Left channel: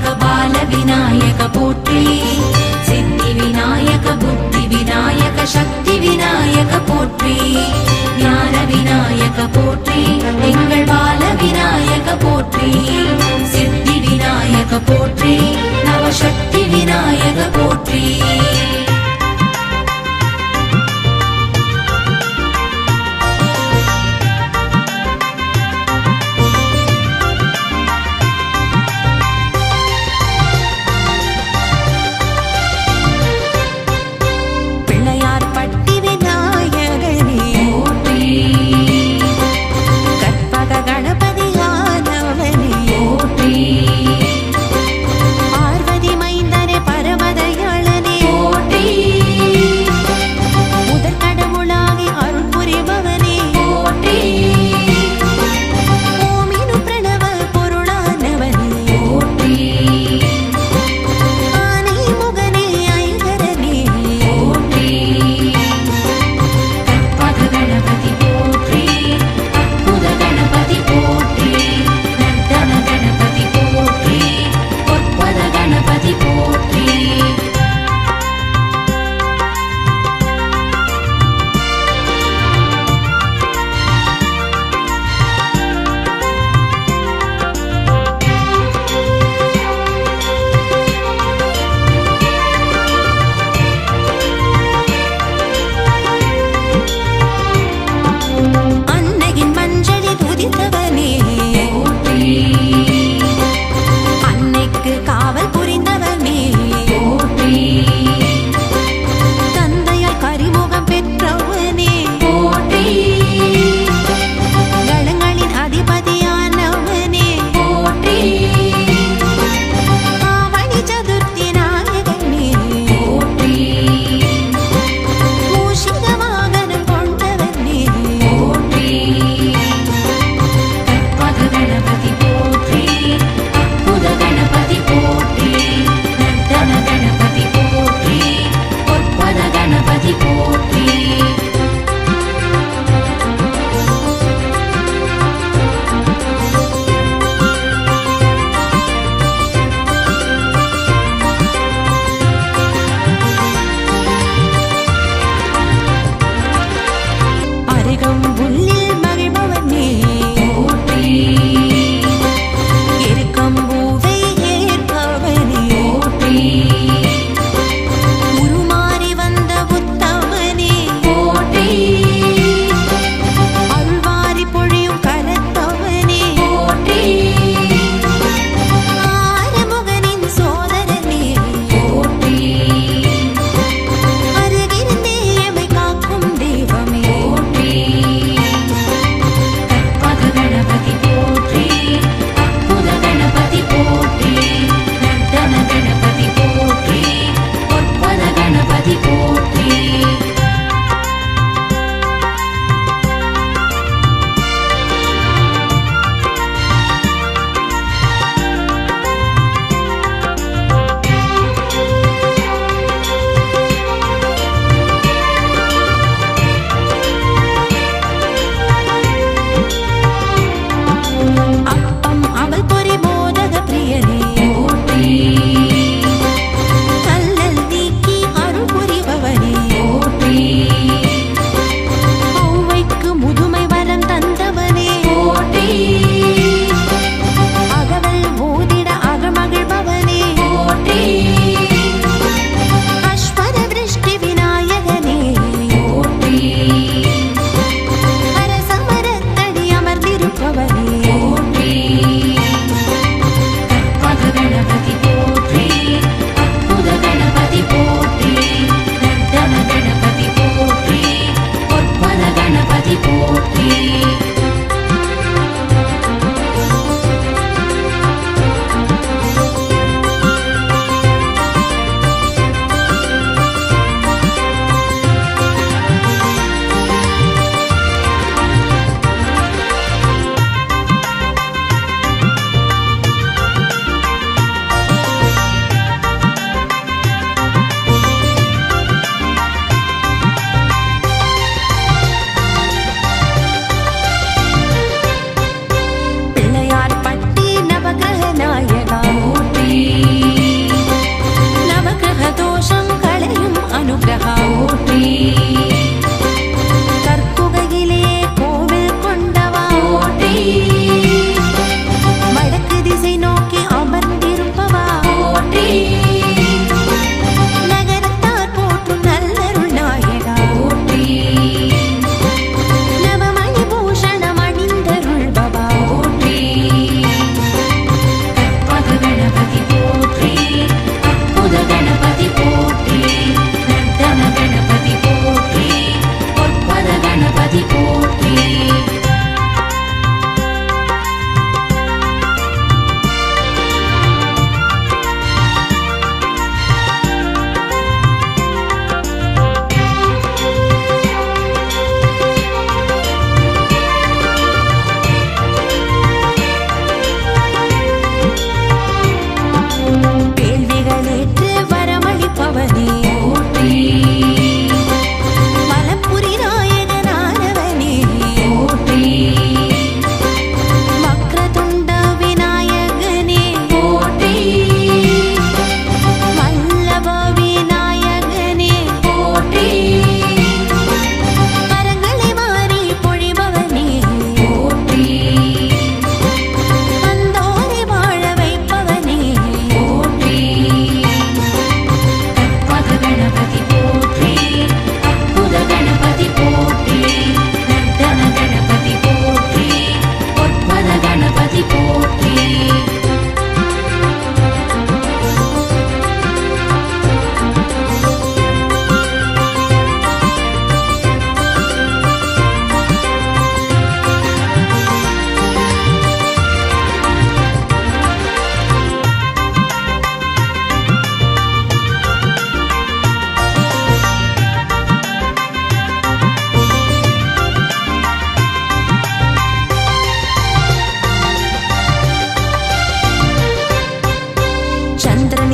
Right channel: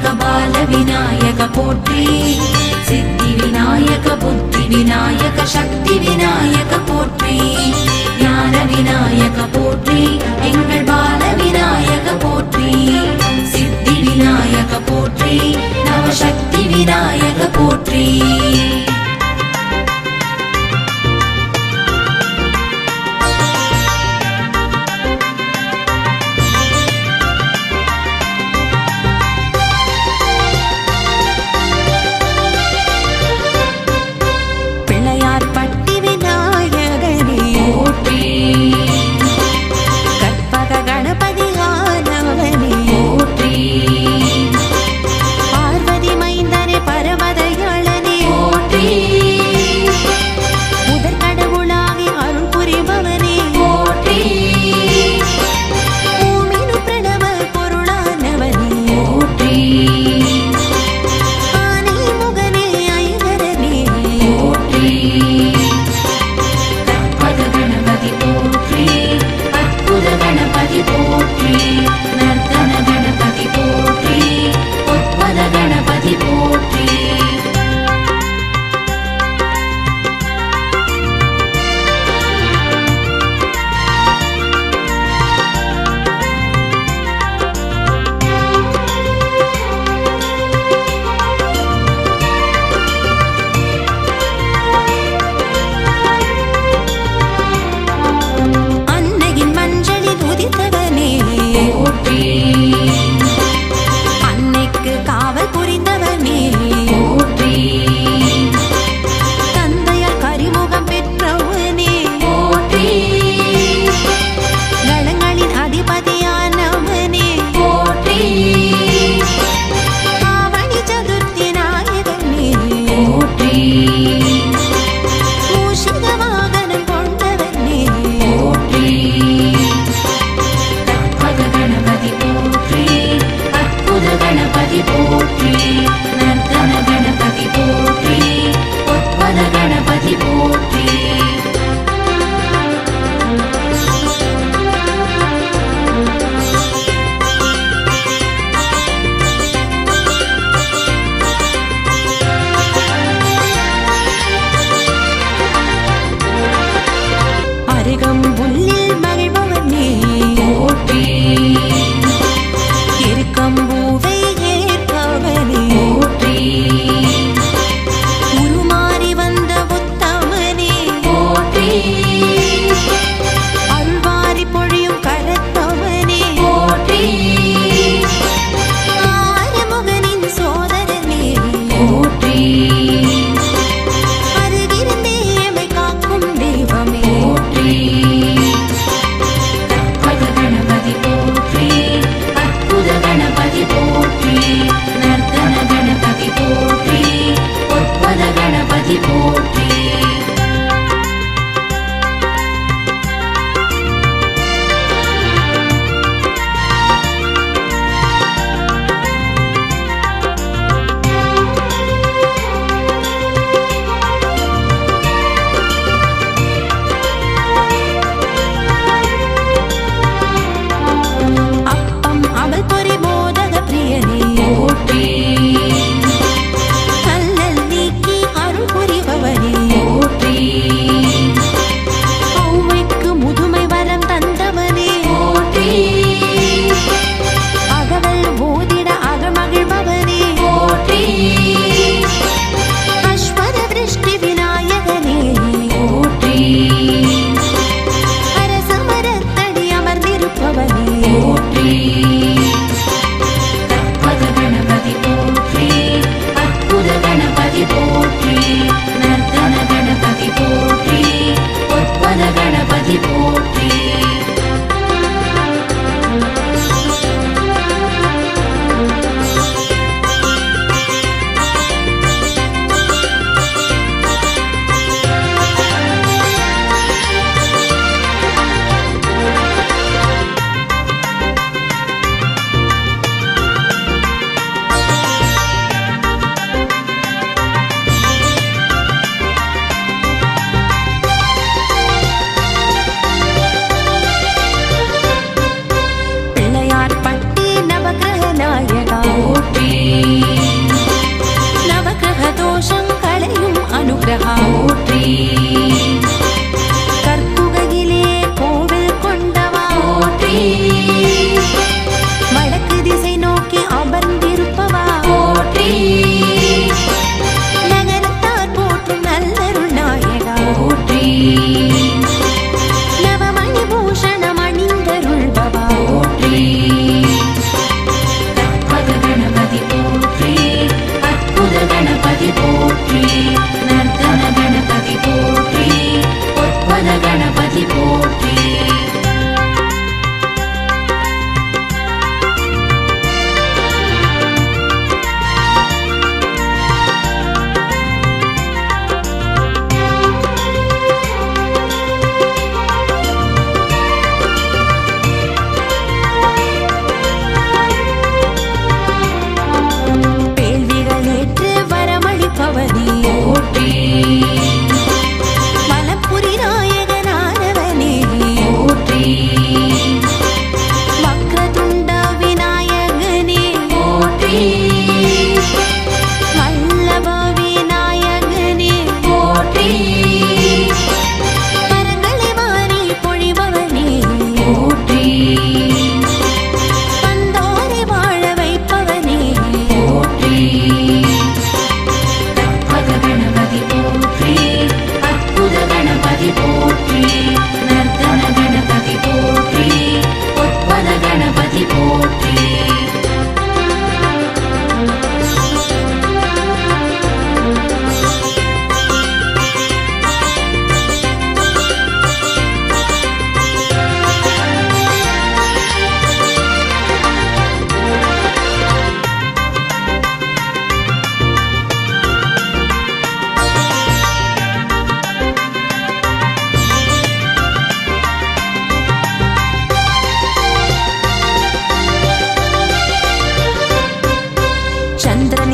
விநாயக பால விநாயக போற்றி சித்தி விநாயக புத்தி விநாயக சக்தி விநாயக போற்றி ஞான விநாயக போற்றி எங்கள் பால விநாயக போற்றி சித்தி விநாயக போற்றி நவசக்தி விநாயக போற்றி. pretty woman అధికం బుల్లి அனுகிரகா போற்றி அவனிய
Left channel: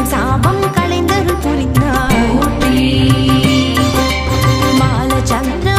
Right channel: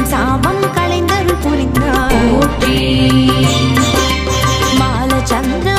என் சாபம் களைந்தருள் புரிந்தாய். மால சந்திர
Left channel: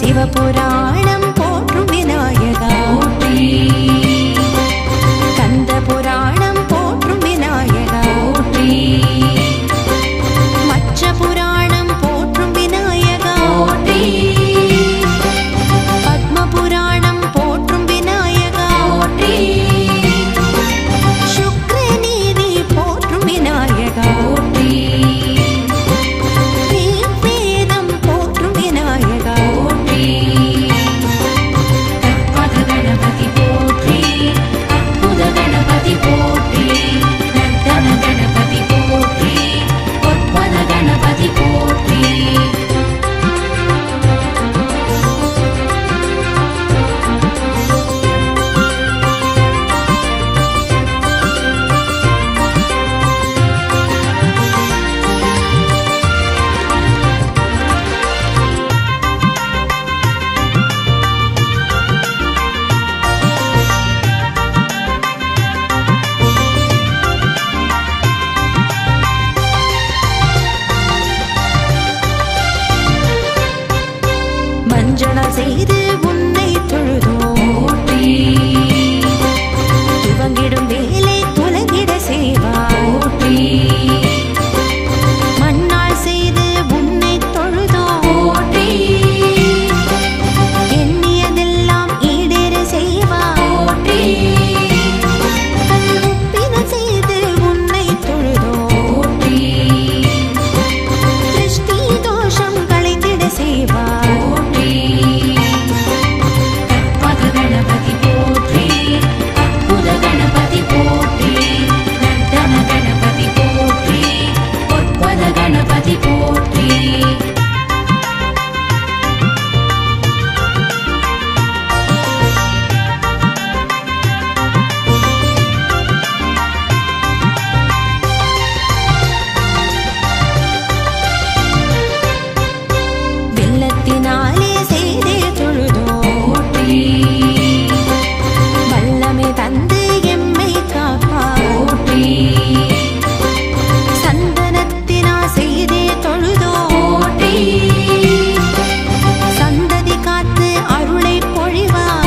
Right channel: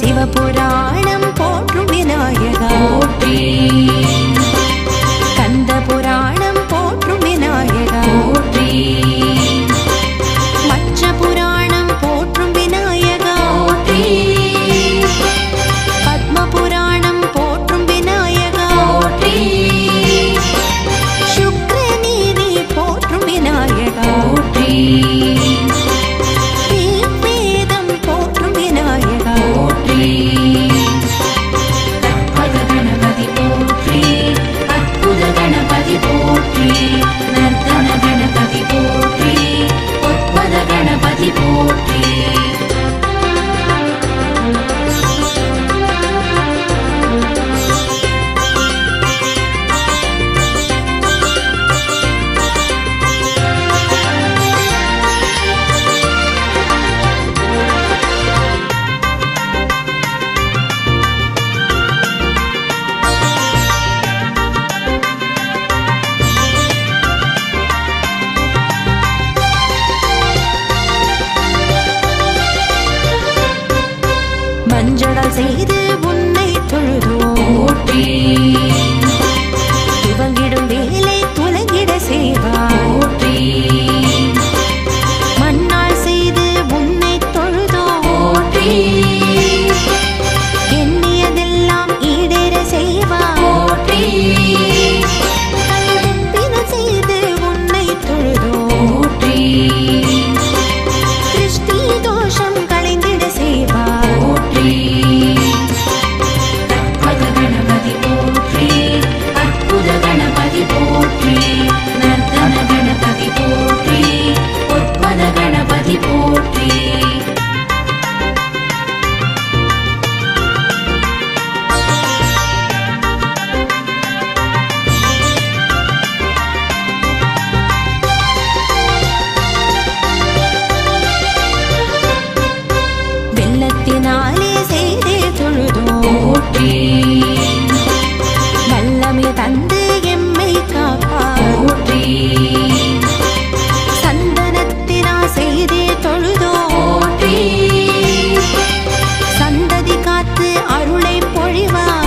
சிவபுராணம் போற்றும் விநாயகா. கந்த புராணம் போற்றும் விநாயகா. மச்ச புராணம் போற்றும் விநாயகா. பத்ம புராணம் போற்றும் விநாயகா. சுக்ரநீதி போற்றும் விநாயகா. அஞ்சடல் செய்து உன்னை தொழுதோம். துவங்கிடும் வேலை துலங்கிட செய்வாய். மண்ணால் செய்து உன்னை தொழுதோம். எண்ணியதெல்லாம் ஈடேற செய்வாய். கல்வொப்பின செய்து உன்னை தொழுதோம். திருஷ்டி தோஷம் களைந்திட செய்வாய். தம்மை தந்து எம்மை காப்பாற்றி சந்தனத்தினா செய்தே தொழுதோ. சந்ததி காத்து அருளை பொழிவார்.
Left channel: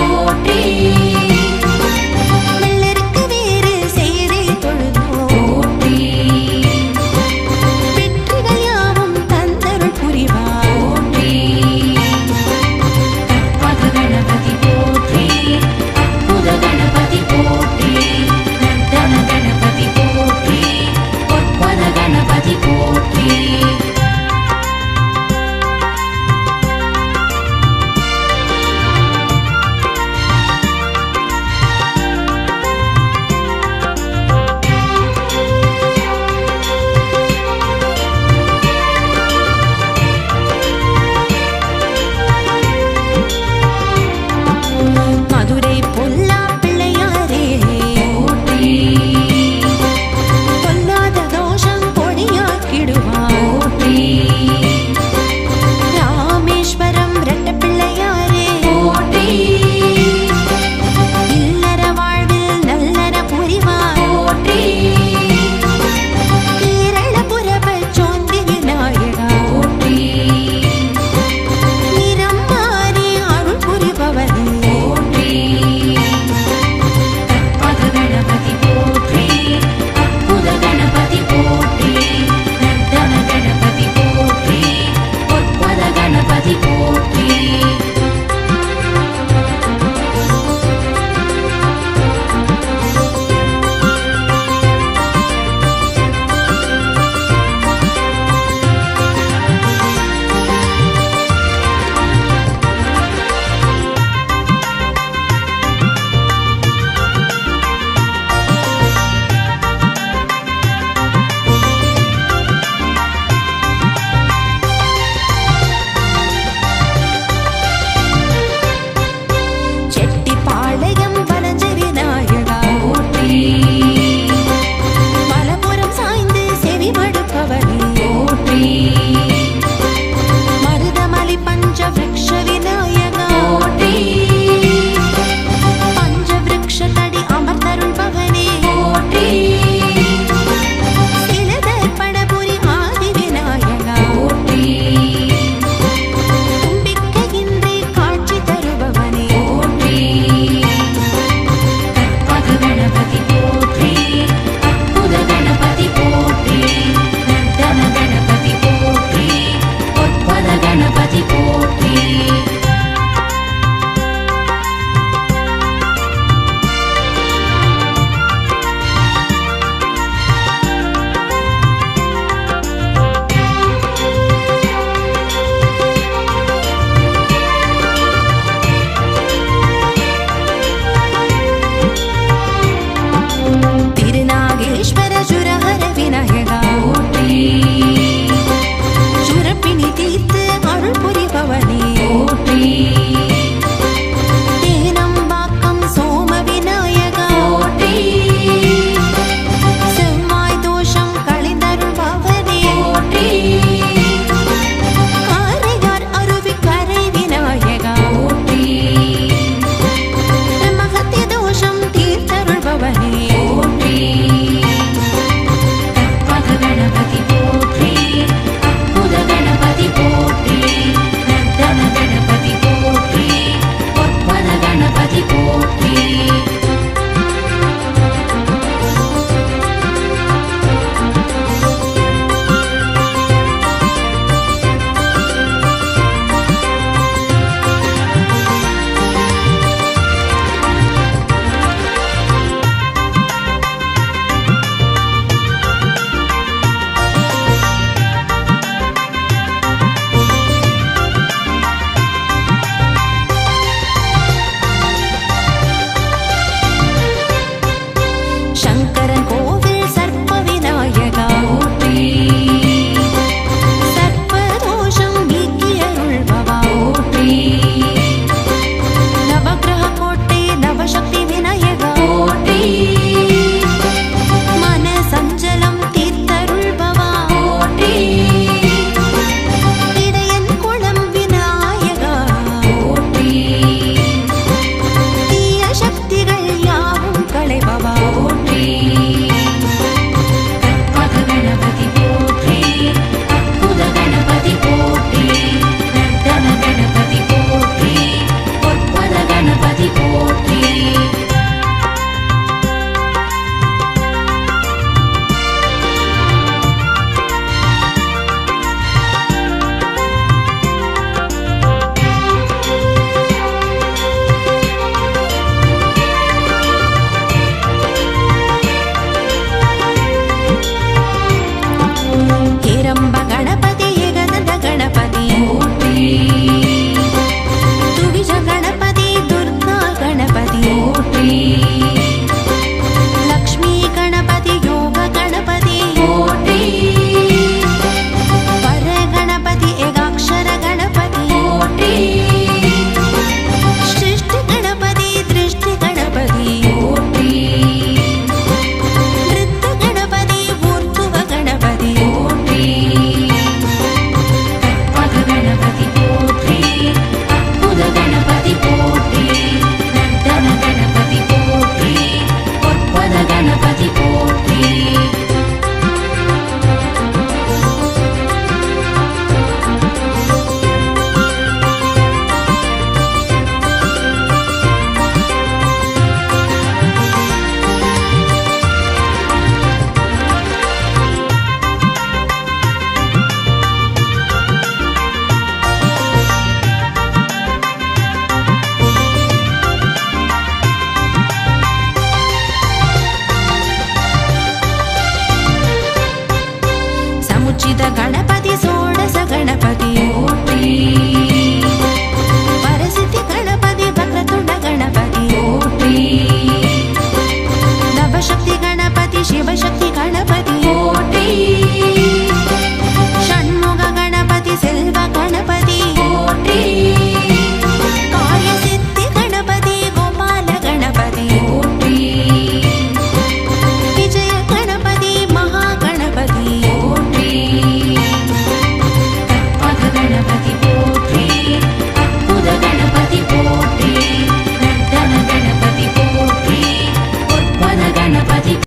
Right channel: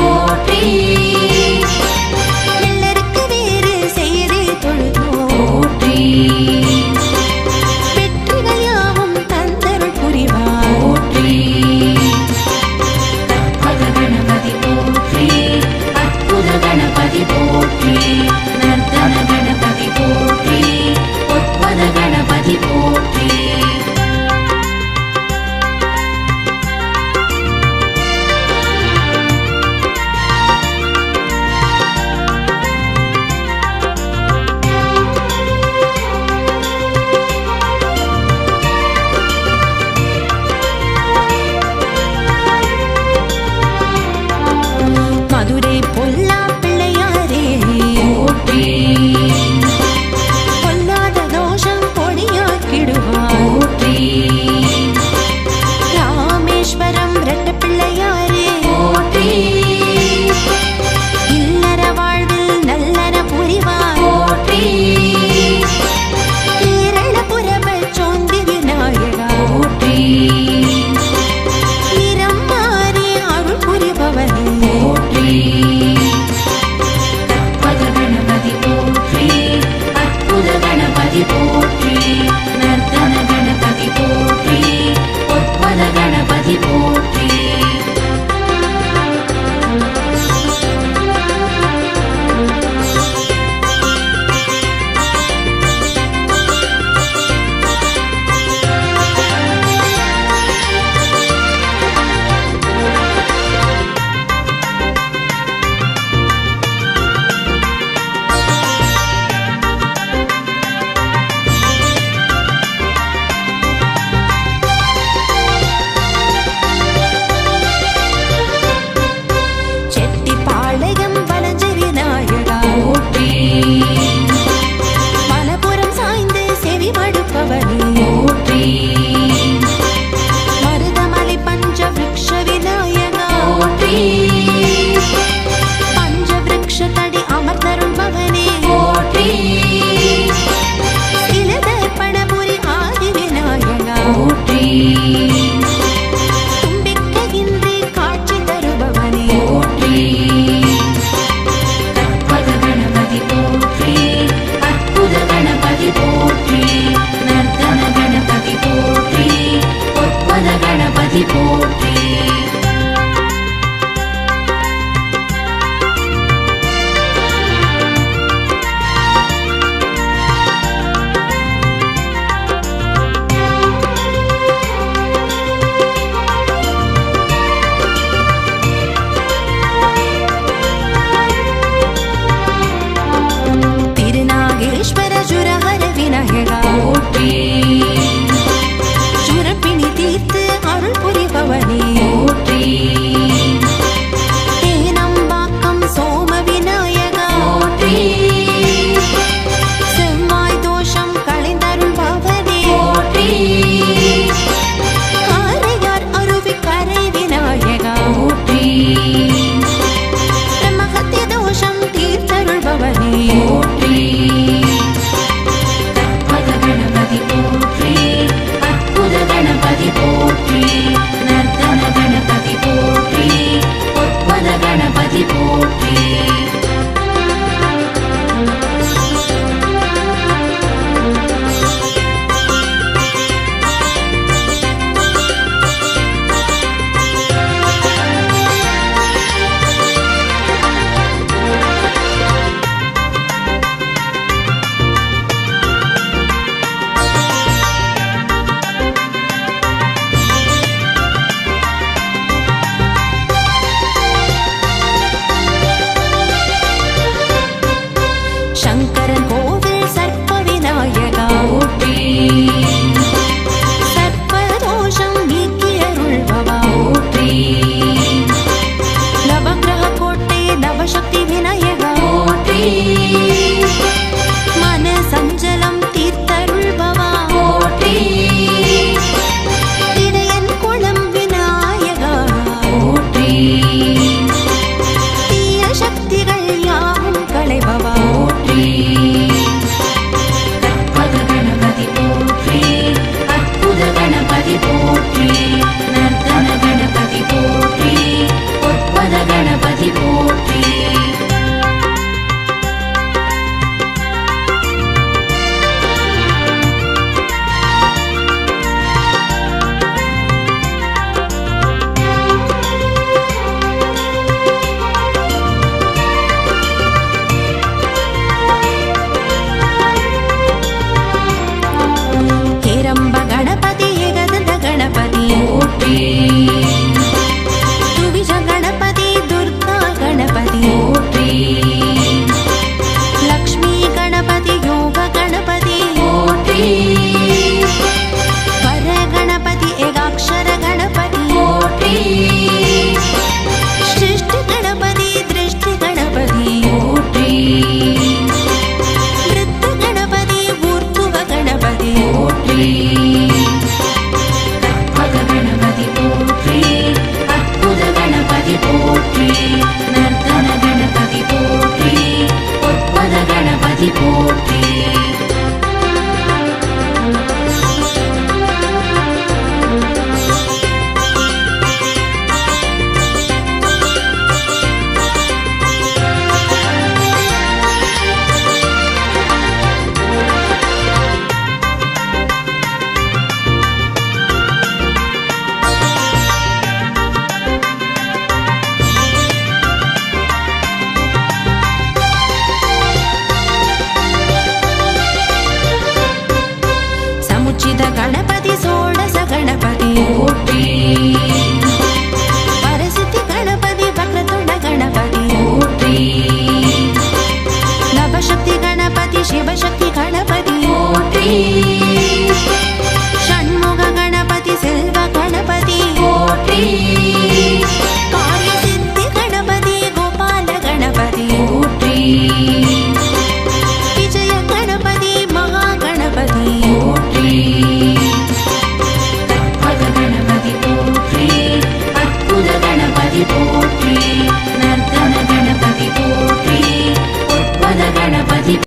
பிள்ளையாரே கணபதி தீர்த்தருள்பவனே అక్షరగా சச்சித கணபதி சோடச கணபதி பரசித்தி கணபதி வக்ரதுண்ட கணபதி. நவசக்தி கணபதி சிவசக்தி கணபதி. போற்றி ஷண்முக கணபதி செல்வ கணபதி போற்றி கணபதி.